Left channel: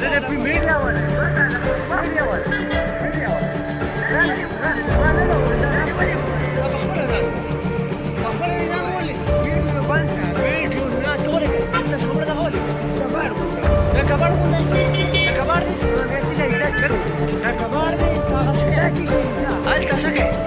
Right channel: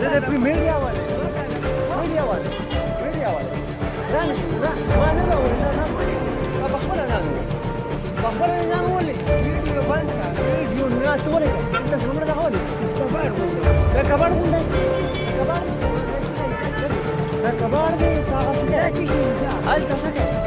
زه د میډیا والا میډیا والا په خپله ځان په خپله یې ځان ولې ویډیو بند ویډیو نه تورې کړه څومره ده ولې د کباړ غونډه د کباړ د کباړ دی په هغه څه هلته څه کوي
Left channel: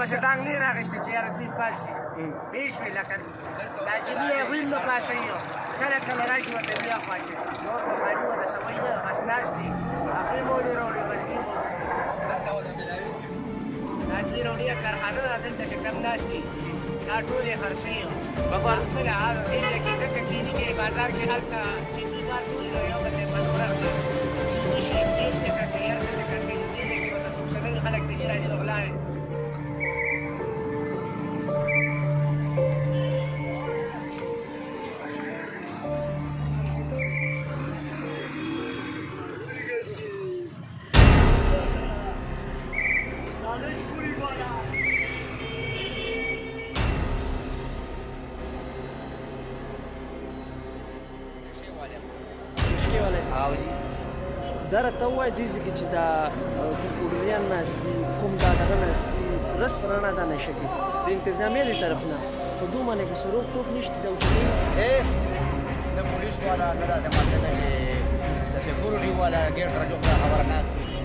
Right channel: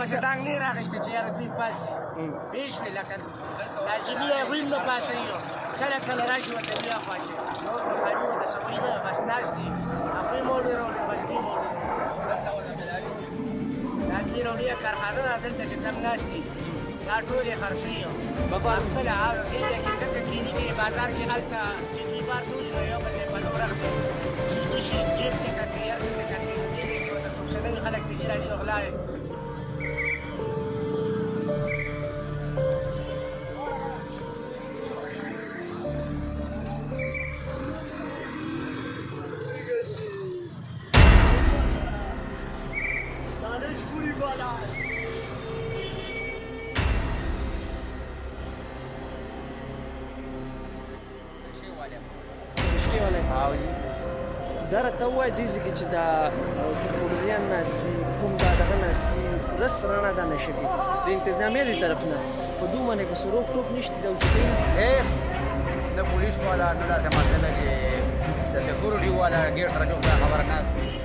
پسې ډانګ نه راغېسته چې یاره دوی پاڅي پوه شوې لکه لازمي هغوی هم نه پاڅوي کله کله راشي ورته بیا خواشي نور مقامي ورته سوی نه بس ناست دي هغوی مولې راوړي بس دوی دا دوی راوړي کارخانه ده دلته چې کوم ناست دي دا ټول یې خرڅوي خپله ایریا کې ځکه کیني چې بازار کې هلته چې دوی بار ټول نو یو بل دی بلور اخلي چې دوی شي جیب ته کټي هر څه ته کټي نو دې کې ورته څوک څه نه خلک دي راځي نو غلاوي او جی دا راته ووایه دې ځای کې چې دا پوډریان ناست دي کوم دا دغه ناست دي ورځ په رڼا دا نشه کوي د انتظامیه دې طرف نه په دوی باندې که څه روک ټوک نشته دي او چې دوی هېڅ نه پولیس والا نه داسې مطلب چې د سکیورټي والا ګیټ راجوخ دا خبره ناست وي